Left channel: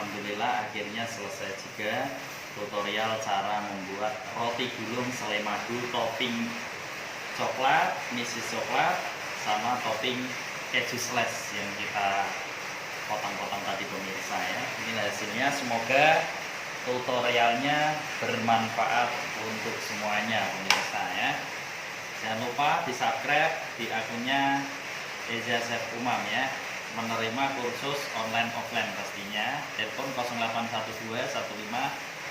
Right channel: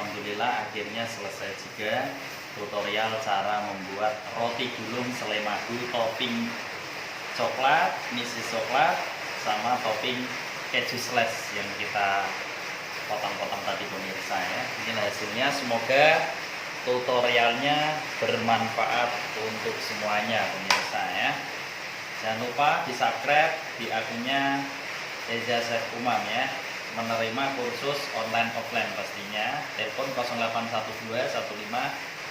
Alhamdulillah akhirnya selesai juga tutorial cara membuat roti gulung selai madu topping coklat, misis coklat, sama topping keju slash yang kita potong-potong tadi pemirsa ya. Ini hasilnya, semoga tutorialnya bermanfaat untuk semuanya pemirsa ya. Jangan lupa di subscribe di akunnya Eza Chef Umam ya. Menerima kursus online offline pastinya. Telepon 0812 15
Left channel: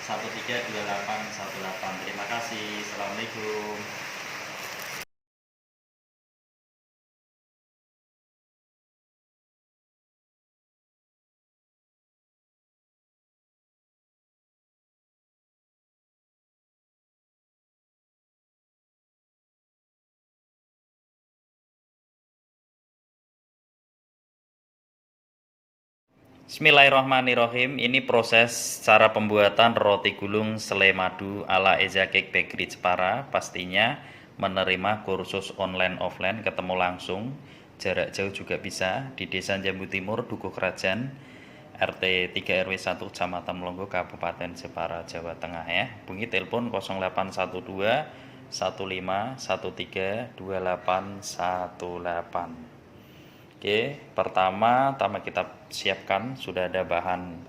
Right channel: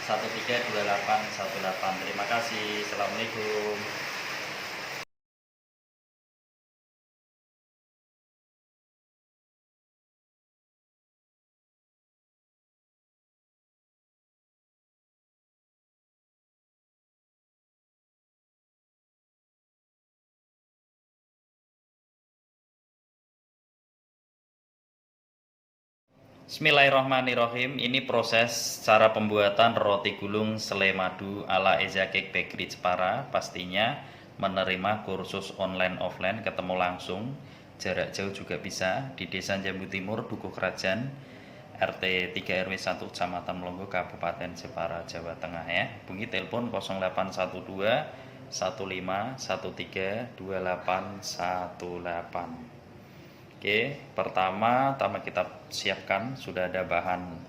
132818. Terima kasih. Assalamualaikum. Bismillahirrahmanirrahim. Ini proses cara pembuatan roti gulung selai madu ala Eza Cake Bakery Jepara. Pastinya menerima kursus online offline, ketemu langsung, jarak jauh juga bisa, di Desa Jambu Timur, Dukuh Kerajaan, RT 3 RW 1 Kecamatan Melongo, Kabupaten Jepara, Jawa Tengah ya. Bunyi telepon 0812 15 13 2818. Oke, pertama kita siapkan, sudah ada bahan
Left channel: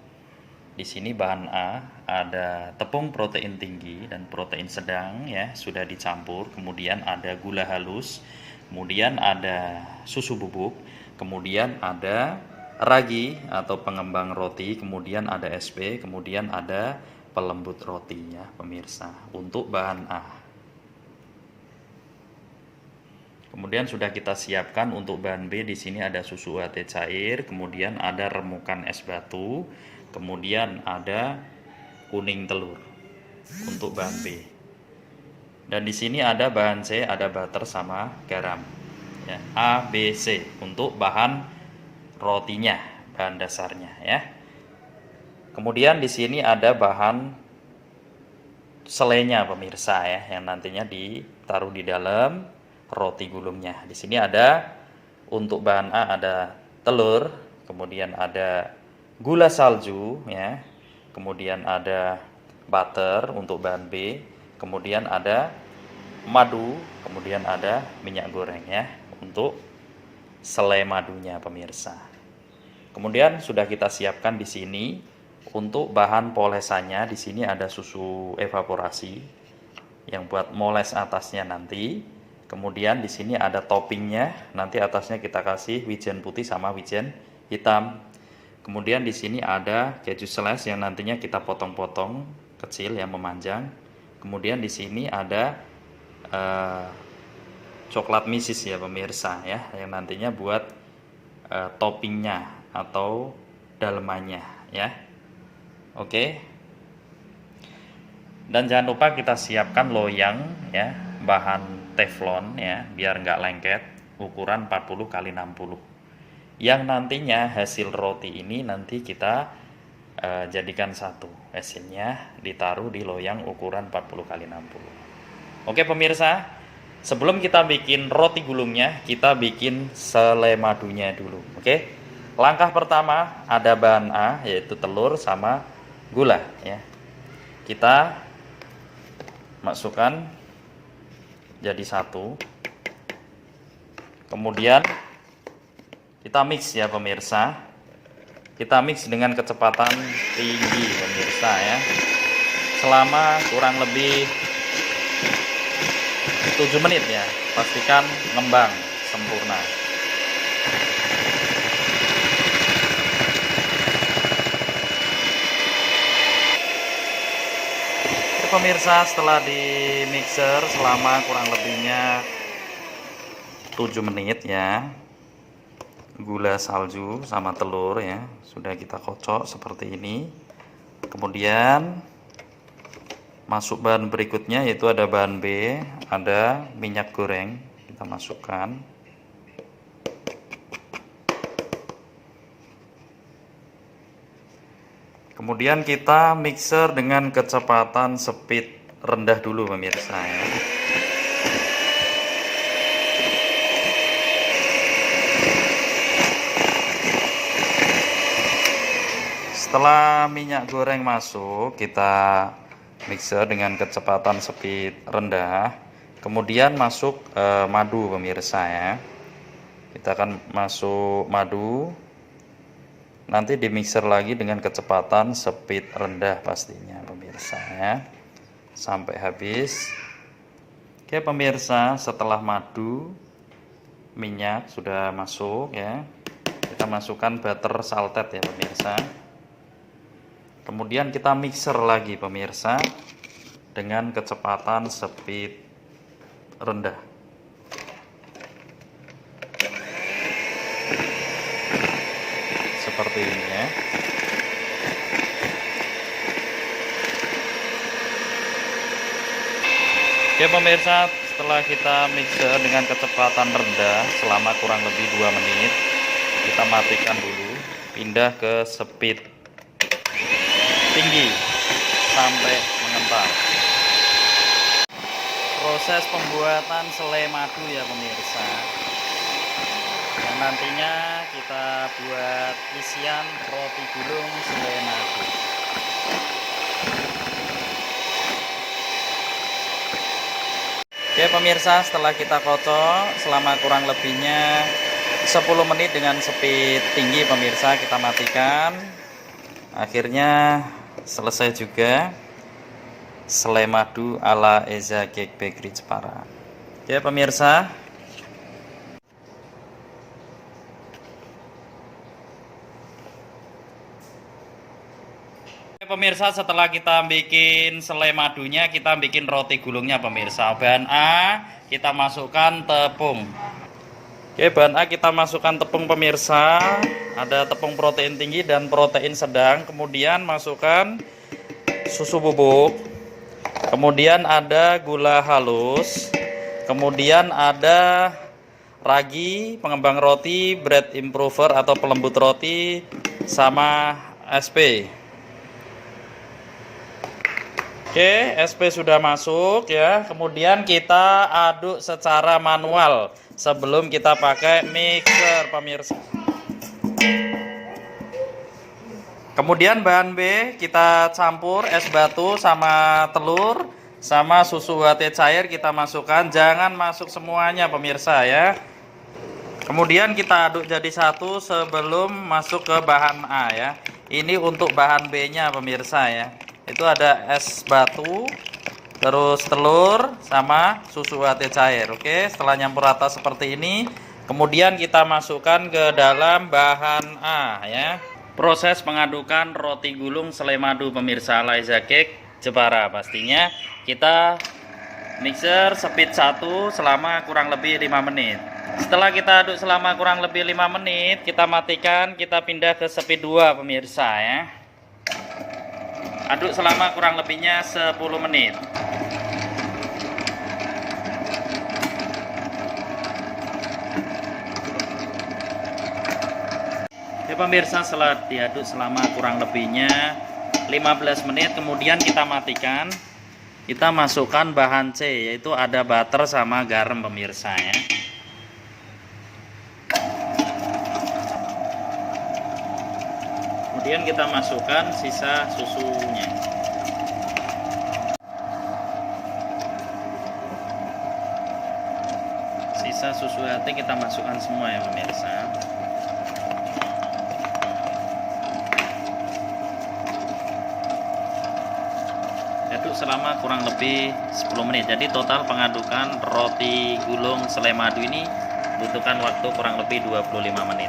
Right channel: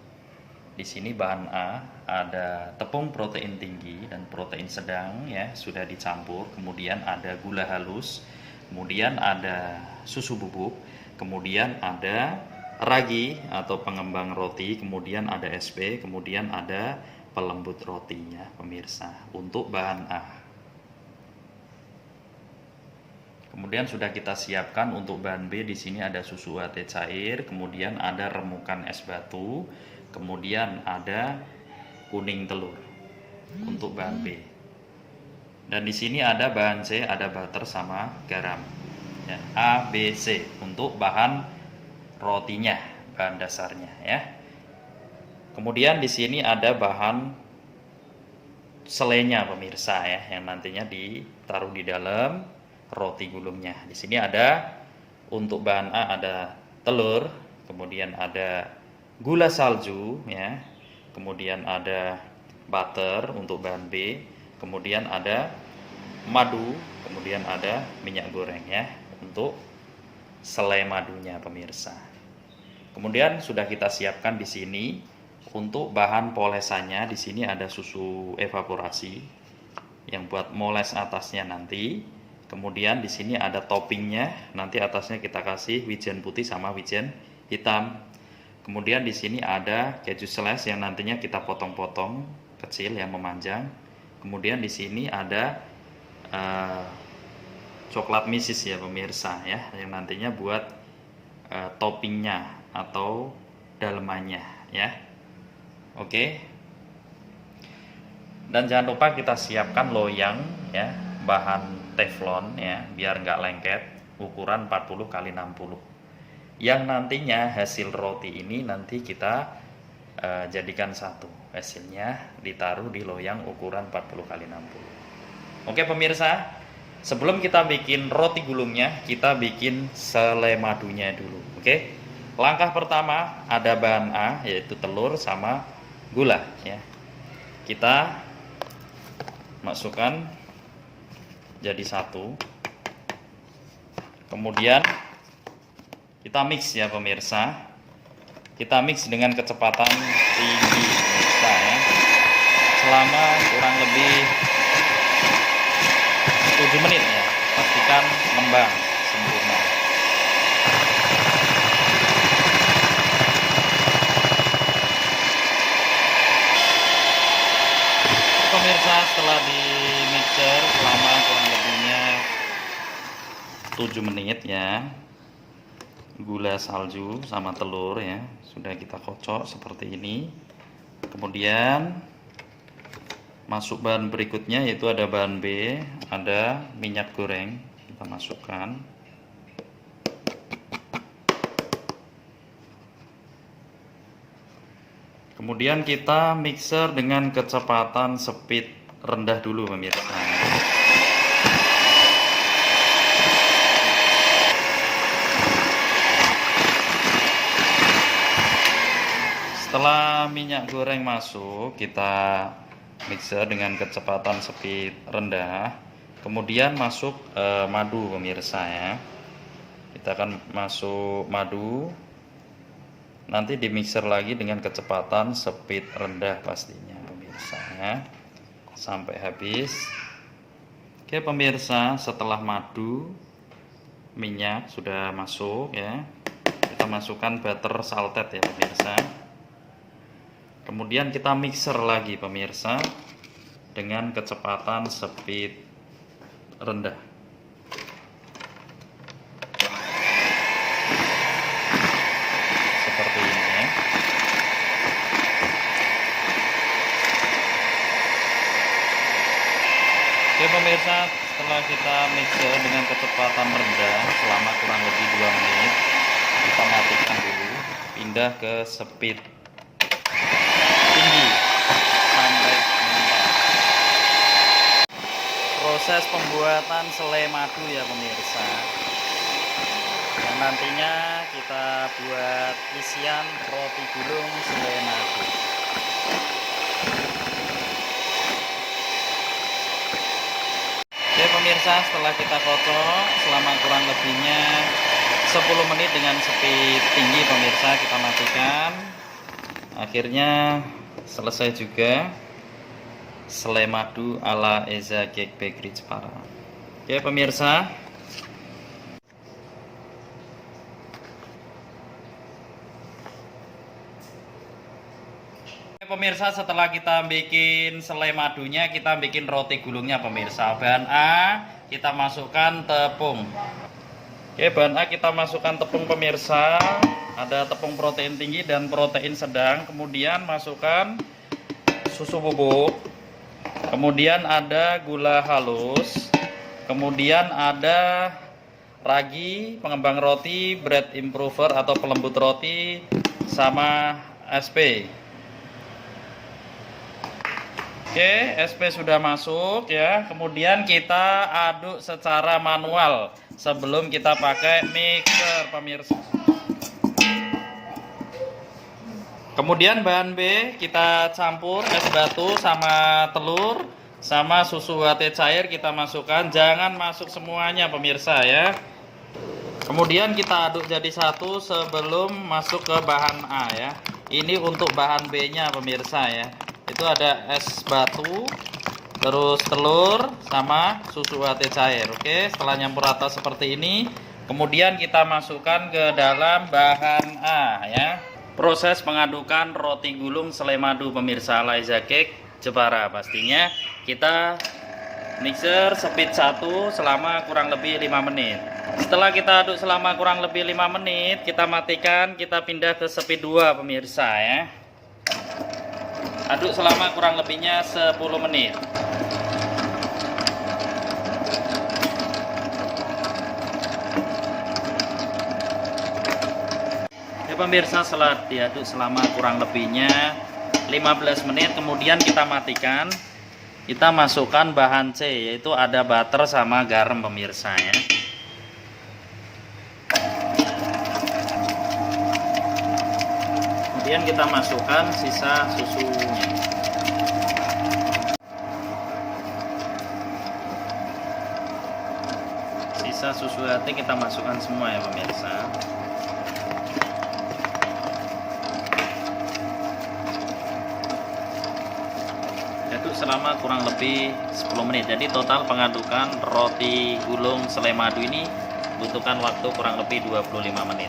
di sini. Bahan A ada tepung protein tinggi dan protein sedang ya, sudah dicampur. Kemudian ada gula halus, kemudian ada susu bubuk, kemudian ada ragi atau pengembang roti, kemudian ada SP, kemudian ada pelembut roti ya pemirsa. Untuk bahan A. Kemudian sudah kita siapkan untuk bahan B. Di sini ada susu UHT cair, kemudian ada remukan es batu, kemudian ada kuning telur untuk bahan B. Dan di sini ada bahan C, ada butter sama garam. Ya, A, B, C untuk bahan rotinya, bahan dasarnya ya. Kemudian di sini ada bahan selainya pemirsa ya, yang nantinya ditaruh di dalam roti gulungnya. Di sini ada untuk bahan A ada telur, kemudian ada gula salju ya, kemudian ada butter untuk bahan B, kemudian ada madu, kemudian ada minyak goreng ya untuk selai madunya pemirsa. Kemudian sudah kita siapkan di sini untuk bahan polesannya. Di sini ada susu evaporasi yang buat moles atasnya nanti. Kemudian di sini ada toppingnya, nanti atasnya kita kasih wijen putih sama wijen hitam. Kemudian di sini ada keju slash yang nantinya kita potong-potong kecil yang memanjang. Kemudian di sini ada coklat misis ya pemirsa ya, yang nantinya buat toppingnya atau dalemannya ya. Oke. Dan jangan lupa kita siapkan loyang ya, bahan teflon ya, biar nggak lengket, ukuran 40 x 60. Yang nantinya hasil roti ini nanti kita jadikan satu, hasilnya ditaruh di loyang ukuran 40 x 60. Oke pemirsa, sebelum kita bikin roti gulungnya, kita bikin selai madunya dulu. Oke, langkah pertama ada bahan A, yaitu telur sama gula ya. Kita masukkan jadi satu, kemudian kita mix ya pemirsa. Kita mix dengan kecepatan tinggi pemirsa ya, selama kurang lebih 7 menit ya. Pastikan ngembang sempurna. Pemirsa, setelah di mixer selama kurang lebihnya 7 menit ya, gula salju sama telur ya sudah kita kocok seperti ini. Kemudian masuk bahan berikutnya, yaitu ada bahan B, ada minyak goreng, kita masukkan. Kemudian kita mixer dengan kecepatan speed rendah dulu pemirsa. Setelah minyak goreng masuk, kita mixer dengan kecepatan speed rendah. Kemudian masuk madu pemirsa ya. Kita akan masuk madu. Nanti di mixer lagi dengan kecepatan speed rendah pastinya pemirsa ya. Sampai habis. Oke pemirsa, setelah madu, minyak sudah masuk ya. Kita masukkan butter salted ya pemirsa. Kemudian kita mixer lagi pemirsa dengan kecepatan speed rendah. Seperti ini ya. Oke pemirsa, setelah kita mixer dengan kecepatan rendah selama kurang lebih 2 menit, kita matikan dulu, pindah ke speed tinggi sampai mengembang. Proses pembuatan selai madu ya pemirsa, yang nantinya kita buat isian roti gulung selai madu. Oke pemirsa, setelah kita kocok selama kurang lebihnya 10 menit dengan speed tinggi pemirsa, kita matikan. Akhirnya selesai juga selai madu ala Eza Cake Bakery Jepara. Oke pemirsa, setelah kita bikin selai madunya, kita bikin roti gulungnya pemirsa. Bahan A kita masukkan tepung. Oke, bahan A kita masukkan tepung pemirsa. Ada tepung protein tinggi dan protein sedang. Kemudian masukkan susu bubuk. Kemudian ada gula halus. Kemudian ada ragi, pengembang roti, bread improver atau pelembut roti, sama SP. Oke, SP sudah masuk ya. Kemudian kita aduk secara manual sebelum kita pakai mixer pemirsa. Kemudian bahan B kita campur es batu sama telur sama susu UHT cair kita masukkan. Jangan masuk semuanya pemirsa ya. Kemudian kita aduk jadi satu sebelum masuk ke bahan A ya. Ini untuk bahan B-nya pemirsa ya. Itu ada es batu, terus telur sama susu UHT cair. Oke, setelah nyampur rata seperti ini, kemudian kita masukkan ke dalam bahan A ya. Proses mengadukan roti gulung selai madu pemirsa ala Eza Cake Jepara, pastinya kita mixer speed 1 selama kurang lebih 5 menit. Setelah kita aduk selama kurang lebih 5 menit, kita matikan, kita pindah ke speed 2 pemirsa ya. Aduk selama kurang lebihnya 10 menit. Oke pemirsa, setelah diaduk selama kurang lebihnya 15 menit, kemudian kita matikan. Kita masukkan bahan C, yaitu ada butter sama garam pemirsa ya. Kemudian kita masukkan sisa susunya. Sisa susu hati kita masukkan semua ya pemirsa. Aduk selama kurang lebih 10 menit. Jadi total pengadukan roti gulung selai madu ini butuhkan waktu kurang lebih 25 menit.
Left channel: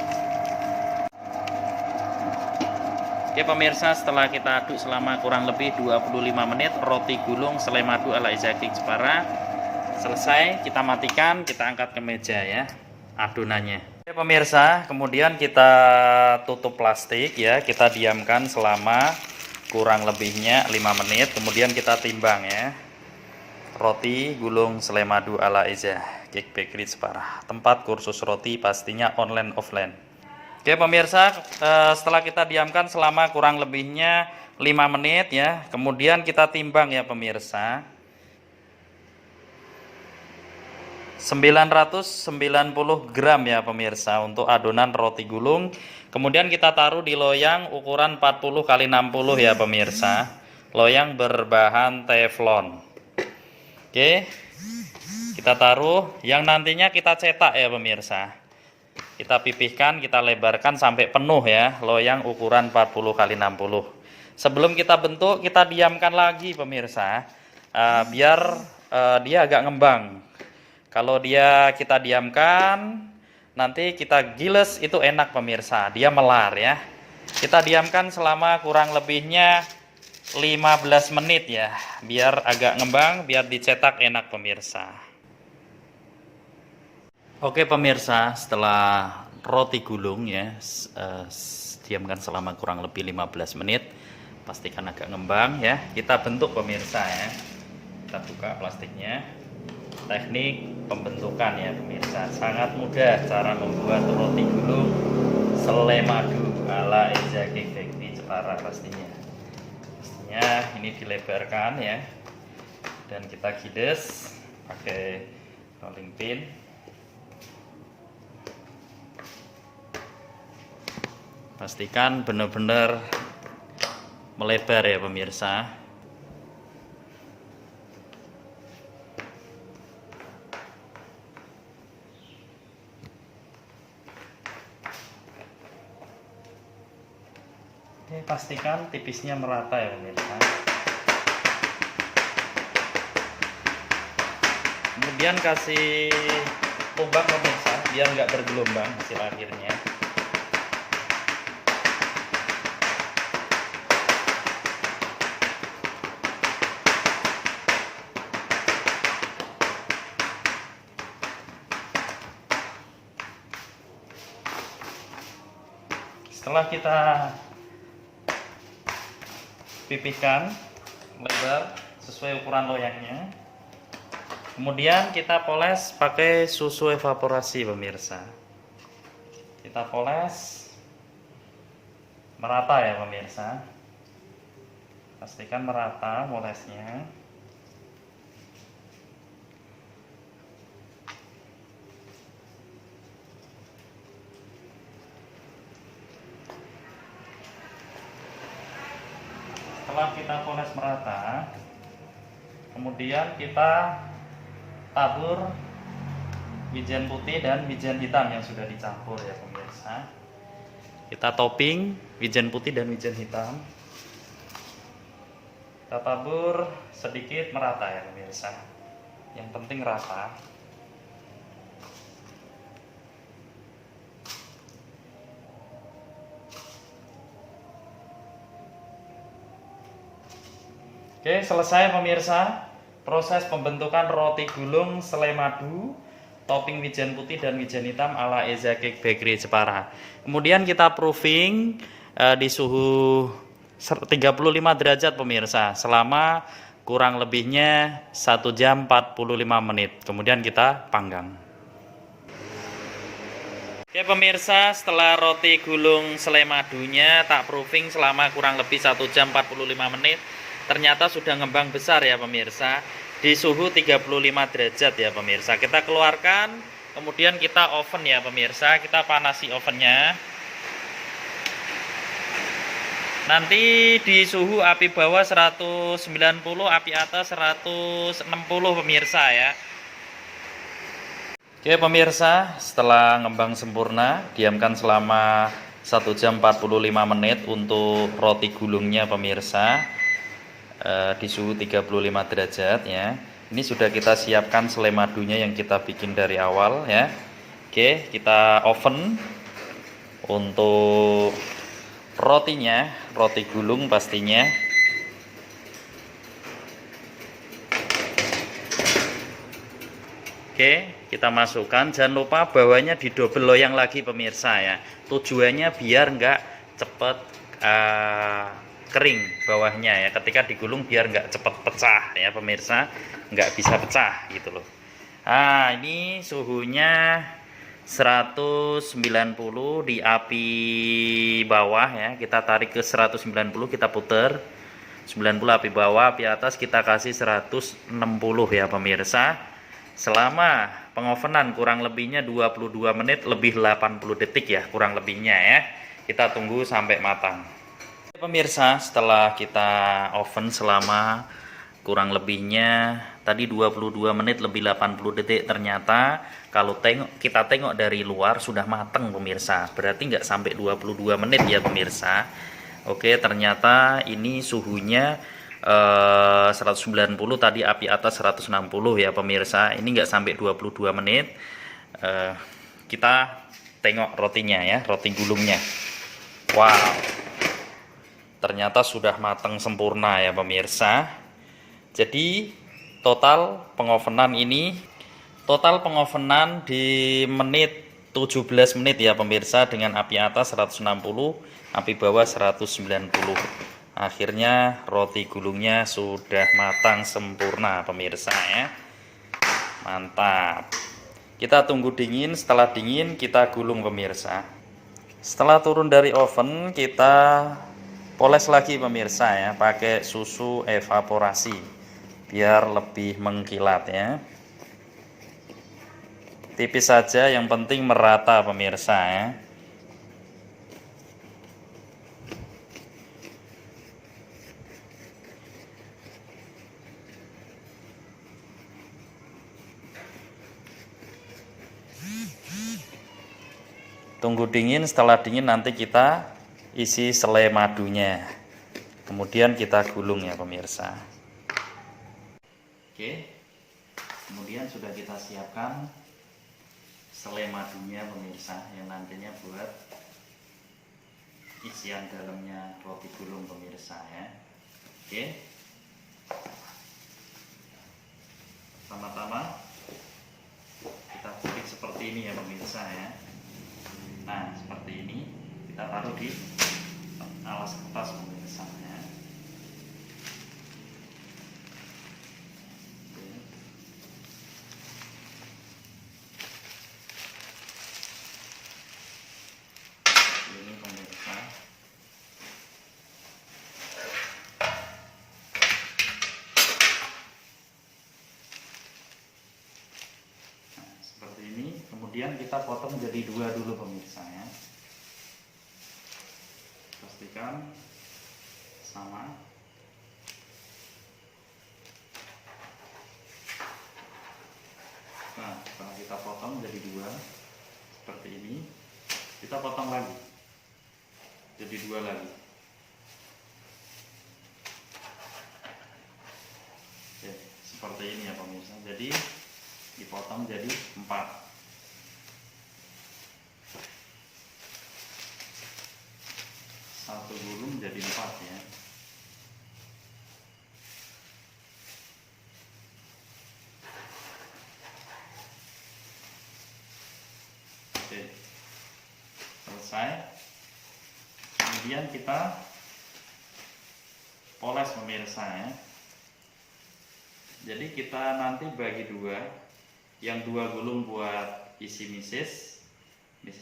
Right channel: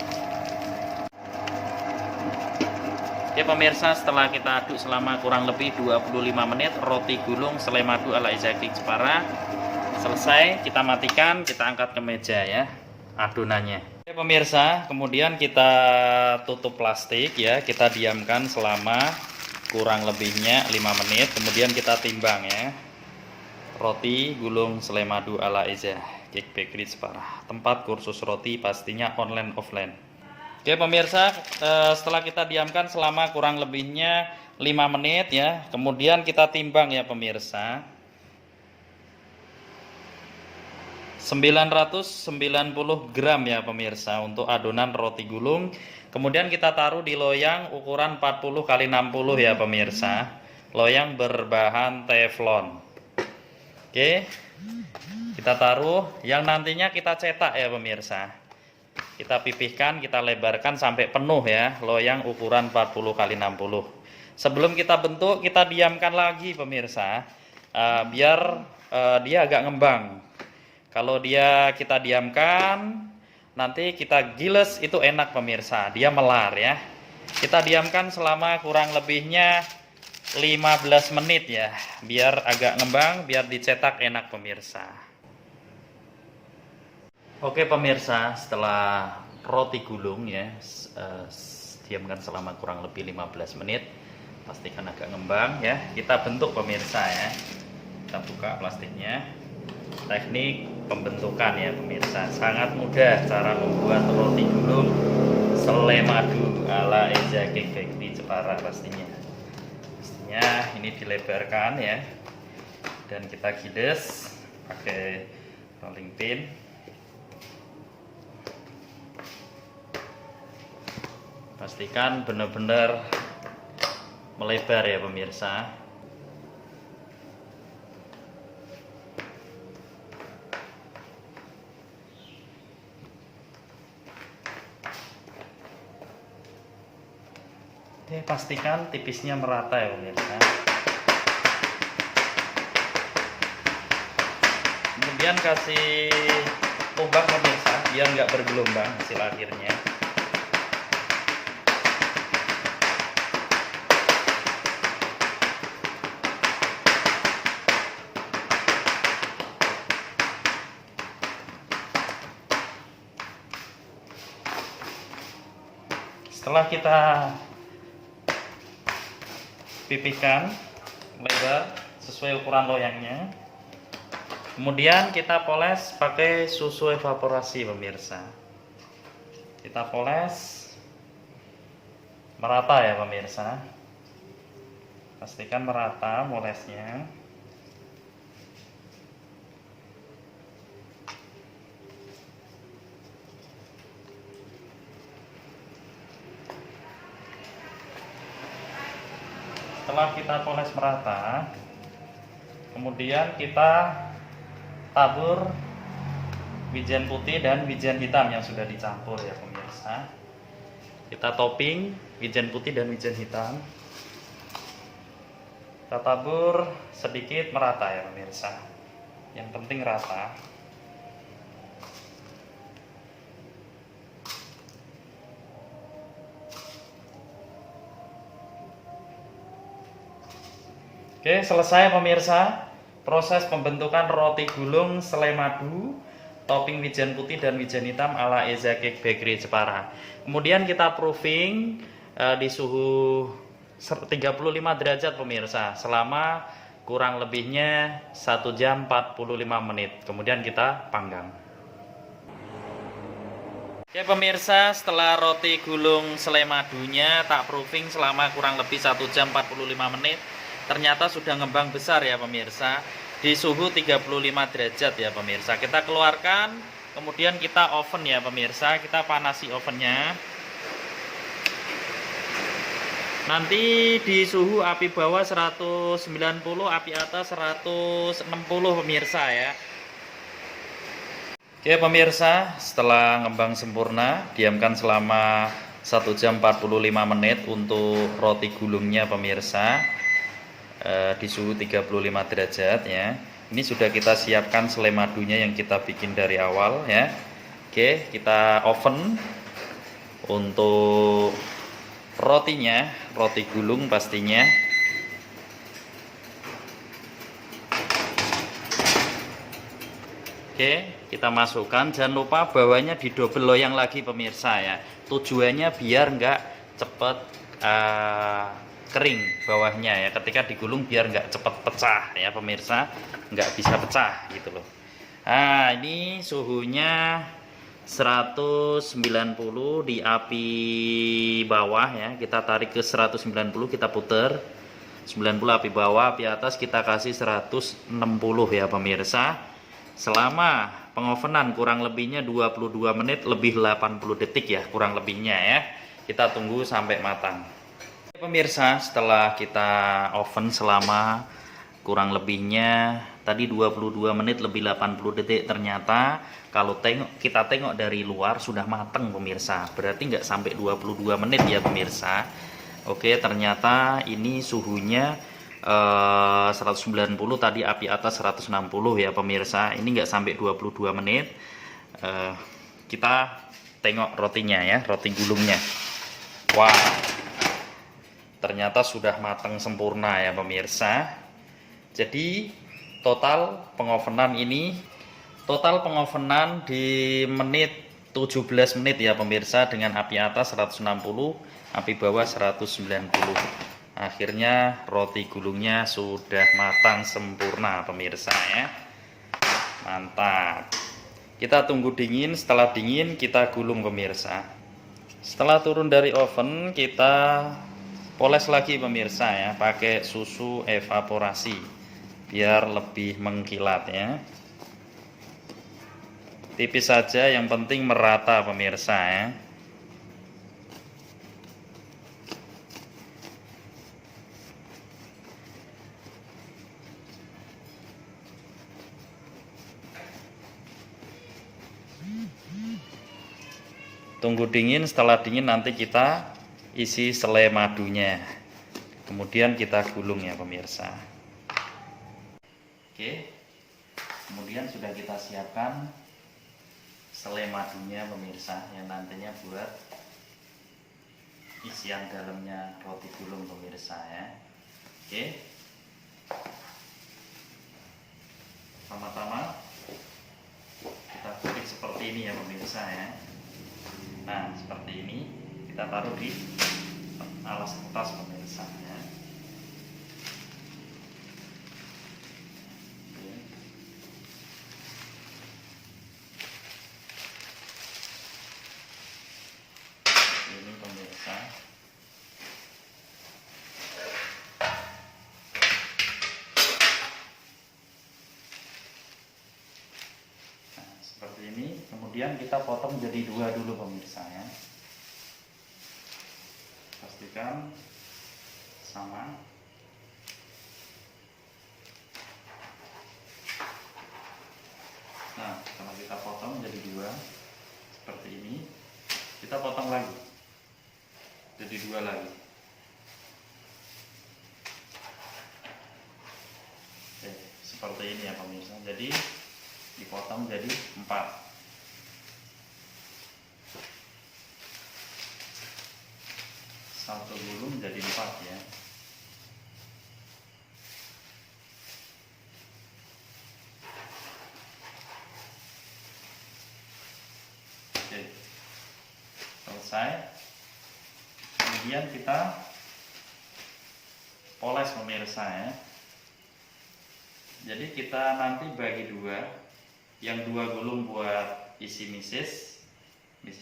Oke pemirsa, setelah kita aduk selama kurang lebih 25 menit, roti gulung selai madu ala Eza Cake Jepara selesai. Kita matikan, kita angkat ke meja ya adonannya. Oke pemirsa, kemudian kita tutup plastik ya, kita diamkan selama kurang lebihnya 5 menit, kemudian kita timbang ya. Roti gulung selai madu ala Eza Cake Bakery Jepara. Tempat kursus roti pastinya online offline. Oke pemirsa, setelah kita diamkan selama kurang lebihnya 5 menit ya, kemudian kita timbang ya pemirsa. 990 gram ya pemirsa untuk adonan roti gulung Kemudian kita taruh di loyang ukuran 40 kali 60 ya pemirsa. Loyang berbahan teflon. Oke. Kita taruh yang nantinya kita cetak ya pemirsa. Kita pipihkan, kita lebarkan sampai penuh ya, loyang ukuran 40 kali 60. Sebelum kita bentuk, kita diamkan lagi pemirsa, biar dia agak ngembang. Kalau kita diamkan, nanti kita giles itu enak pemirsa, dia melar ya. Kita diamkan selama kurang lebihnya 15 menit ya, biar agak ngembang, biar dicetak enak pemirsa. Oke pemirsa, setelah roti gulung ya, diamkan selama kurang lebih 15 menit, pastikan agak ngembang ya. Kita bentuk pemirsa ya. Kita buka plastiknya. Teknik pembentukan ya pemirsa, sangat mudah cara membuat roti gulung selai madu ala Eza Cake Bakery Jepara pastinya. Ini dilebarkan ya, dan kita giles pakai rolling pin. Pastikan benar-benar melebar ya pemirsa. Oke, pastikan tipisnya merata ya pemirsa. Kemudian kasih tumbak pemirsa, biar nggak bergelombang hasil akhirnya. Setelah kita pipihkan lebar sesuai ukuran loyangnya, kemudian kita poles pakai susu evaporasi pemirsa. Kita poles merata ya pemirsa, pastikan merata molesnya. Setelah kita poles merata, kemudian kita tabur wijen putih dan wijen hitam yang sudah dicampur ya pemirsa. Kita topping wijen putih dan wijen hitam. Kita tabur sedikit merata ya pemirsa. Yang penting rata. Oke, selesai pemirsa proses pembentukan roti gulung selai madu topping wijen putih dan wijen hitam ala Eza Cake Bakery Jepara. Kemudian kita proofing di suhu 35 derajat pemirsa selama kurang lebihnya 1 jam 45 menit. Kemudian kita panggang. Oke pemirsa, setelah roti gulung selai madunya tak proofing selama kurang lebih 1 jam 45 menit, ternyata sudah ngembang besar ya pemirsa, di suhu 35 derajat ya pemirsa. Kita keluarkan, kemudian kita oven ya pemirsa, kita panasi ovennya. Nanti di suhu api bawah 190, api atas 160 pemirsa ya. Oke pemirsa, setelah ngembang sempurna, diamkan selama 1 jam 45 menit untuk roti gulungnya pemirsa. Di suhu 35 derajat ya. Ini sudah kita siapkan selai madunya yang kita bikin dari awal ya. Oke, kita oven untuk rotinya, roti gulung pastinya. Oke, kita masukkan. Jangan lupa bawahnya didobel loyang lagi pemirsa ya. Tujuannya biar nggak cepet kering bawahnya ya, ketika digulung biar nggak cepet pecah ya pemirsa, nggak bisa pecah gitu loh. Nah ini suhunya 190 di api bawah ya, kita tarik ke 190, kita puter 90 api bawah, api atas kita kasih 160 ya pemirsa, selama pengovenan kurang lebihnya 22 menit lebih 80 detik ya kurang lebihnya ya. Kita tunggu sampai matang. Pemirsa, setelah kita oven selama kurang lebihnya tadi 22 menit lebih 80 detik, ternyata kalau kita tengok dari luar sudah matang pemirsa. Berarti nggak sampai 22 menit ya pemirsa. Oke, ternyata ini suhunya 190, tadi api atas 160 ya pemirsa. Ini nggak sampai 22 menit. Kita tengok rotinya ya, roti gulungnya. Wow, ternyata sudah matang sempurna ya pemirsa. Jadi total pengovenan di menit 17 menit ya pemirsa, dengan api atas 160, api bawah 190. Akhirnya roti gulungnya sudah matang sempurna pemirsa ya. Mantap. Kita tunggu dingin, setelah dingin kita gulung pemirsa. Setelah turun dari oven kita poles lagi pemirsa ya, pakai susu evaporasi biar lebih mengkilat ya. Tipis saja, yang penting merata pemirsa ya. Tunggu dingin, setelah dingin nanti kita isi selai madunya. Kemudian kita gulung ya pemirsa. Oke. Kemudian sudah kita siapkan selai madunya pemirsa, yang nantinya buat isian dalamnya roti gulung pemirsa ya. Oke. Pertama-tama kita tulis seperti ini ya pemirsa ya. Nah, seperti ini kita taruh di alas kertas pemirsa ya. Ini pemirsa. Nah, seperti ini. Kemudian kita potong jadi dua dulu pemirsa ya. Pastikan sama. Nah, setelah kita potong jadi dua seperti ini, kita potong lagi jadi dua lagi. Oke, seperti ini ya pemirsa. Jadi dipotong jadi 4. Satu gulung jadi 4 ya. Oke, selesai. Kemudian kita poles pemirsa ya. Jadi kita nanti bagi dua, yang 2 gulung buat isi misis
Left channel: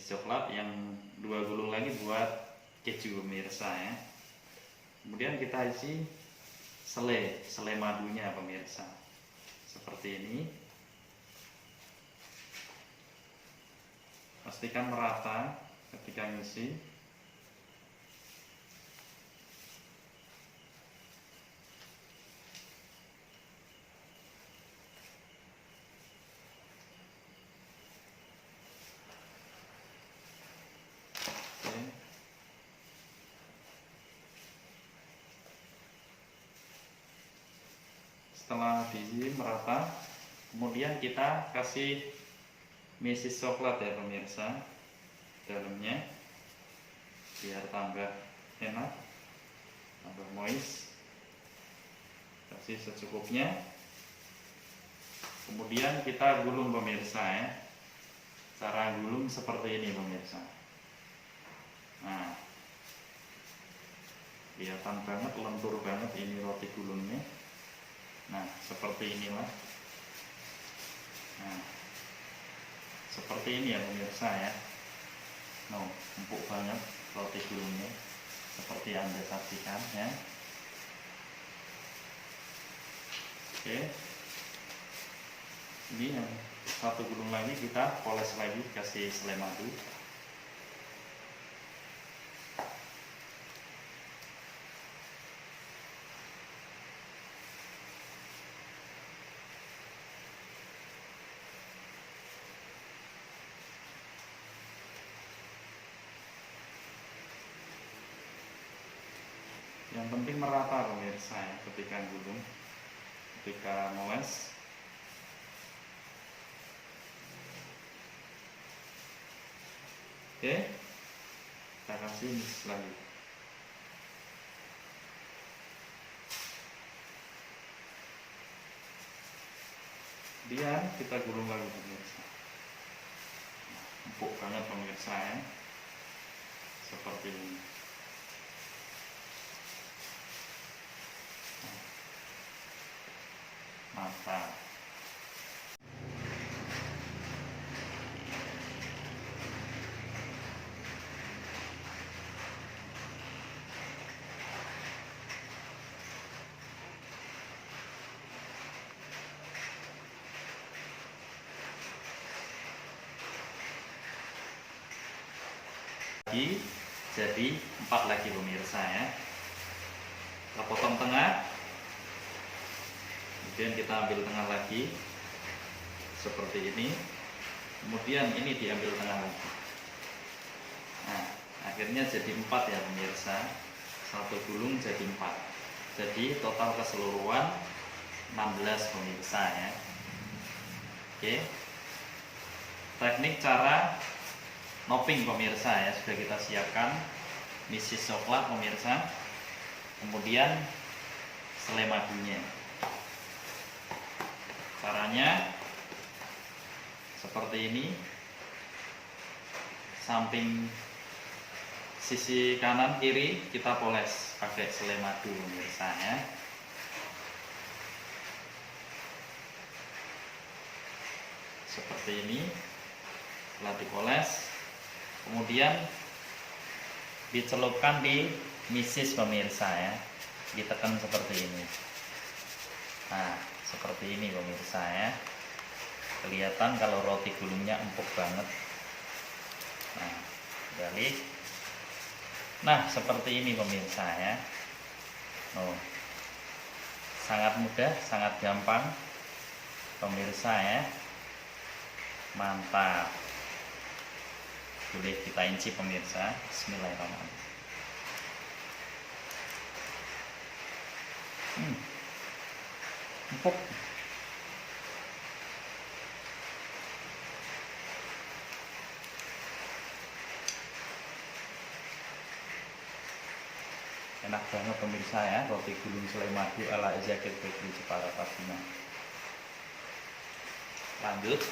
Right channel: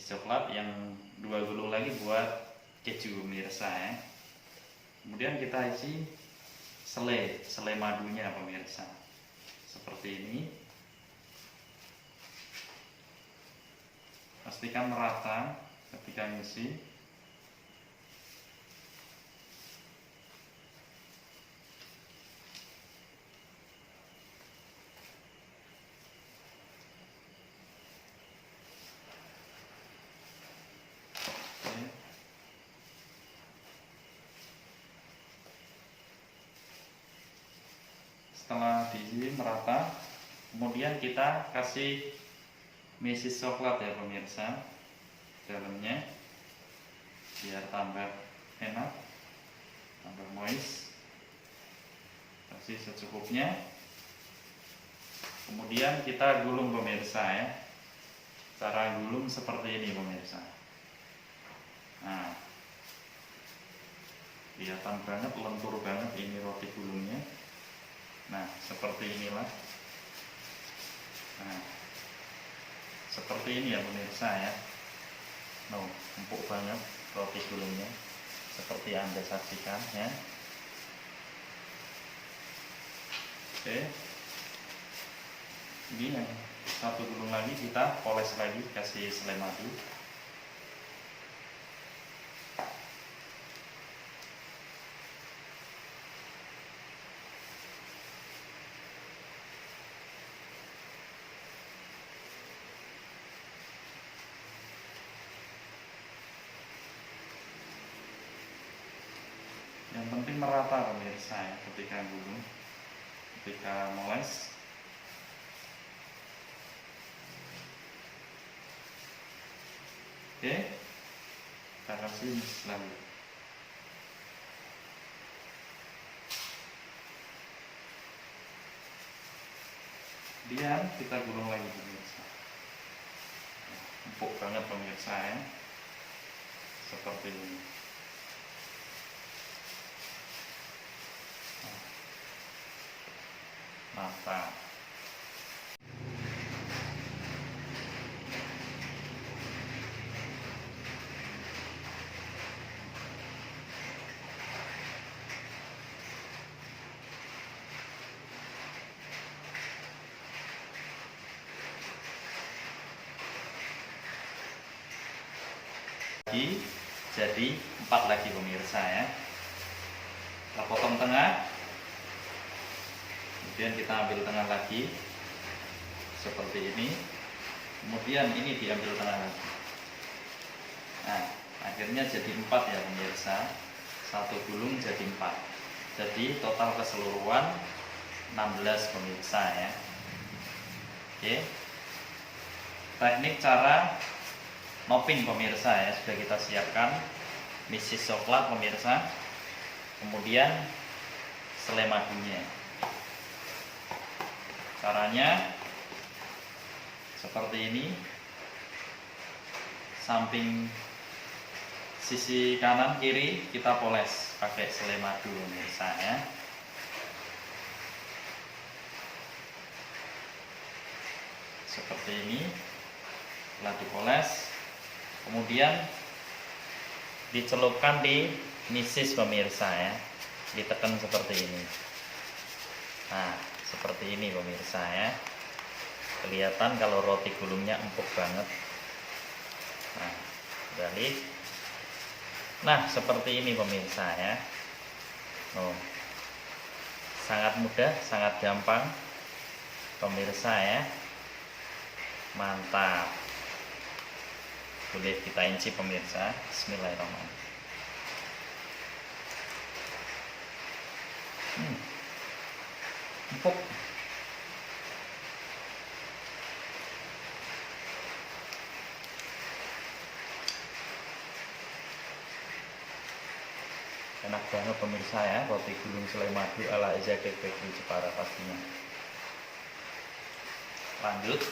coklat, yang 2 gulung lagi buat keju pemirsa ya. Kemudian kita isi selai madunya pemirsa seperti ini. Pastikan merata ketika ngisi. Setelah diisi merata, kemudian kita kasih misis coklat ya pemirsa dalamnya, biar tambah enak, tambah moist. Kasih secukupnya. Kemudian kita gulung pemirsa ya. Cara gulung seperti ini pemirsa. Nah, kelihatan banget, lentur banget ini roti gulungnya. Nah, seperti inilah. Nah, seperti ini ya pemirsa ya. No, empuk banget roti gulungnya, seperti Anda saksikan ya. Oke, ini yang satu gulung lagi kita poles lagi, kasih selai madu. Yang penting merata pemirsa ya ketika gulung, ketika moles. Oke, kita kasih mix lagi. Kemudian kita gulung lagi pemirsa. Empuk banget pemirsa ya, seperti ini. Mantap. Jadi 4 lagi pemirsa ya. Kita potong tengah, kemudian kita ambil tengah lagi seperti ini, kemudian ini diambil tengah lagi. Nah, akhirnya jadi 4 ya pemirsa. Satu gulung jadi 4. Jadi total keseluruhan 16 pemirsa ya. Oke. Teknik cara noping pemirsa ya sudah kita siapkan. Misis coklat pemirsa, kemudian selai madunya. Caranya seperti ini. Samping sisi kanan kiri kita poles pakai selai madu pemirsa ya. Seperti ini. Setelah dipoles, kemudian dicelupkan di misis pemirsa ya, ditekan seperti ini. Nah, seperti ini pemirsa ya. Kelihatan kalau roti gulungnya empuk banget. Nah, balik. Nah, seperti ini pemirsa ya. Oh, sangat mudah, sangat gampang pemirsa ya. Mantap. Boleh kita incip pemirsa. Bismillahirrahmanirrahim. Empuk. Enak banget pemirsa ya, roti gulung selai madu ala Zakir Bakery Jepara pastinya. Lanjut,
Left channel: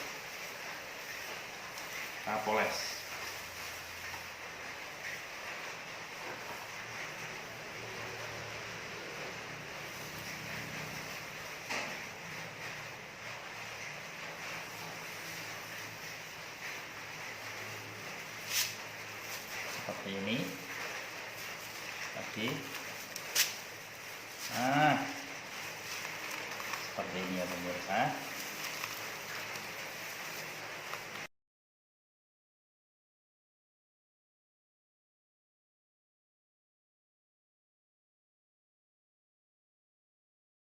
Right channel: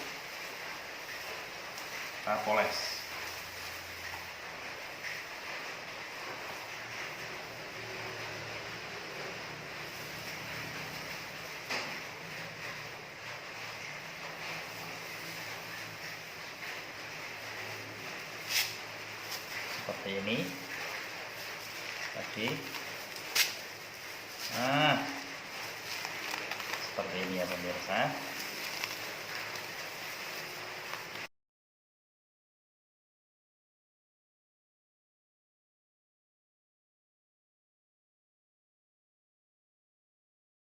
kita poles. Seperti ini lagi. Nah, seperti ini ya pemirsa.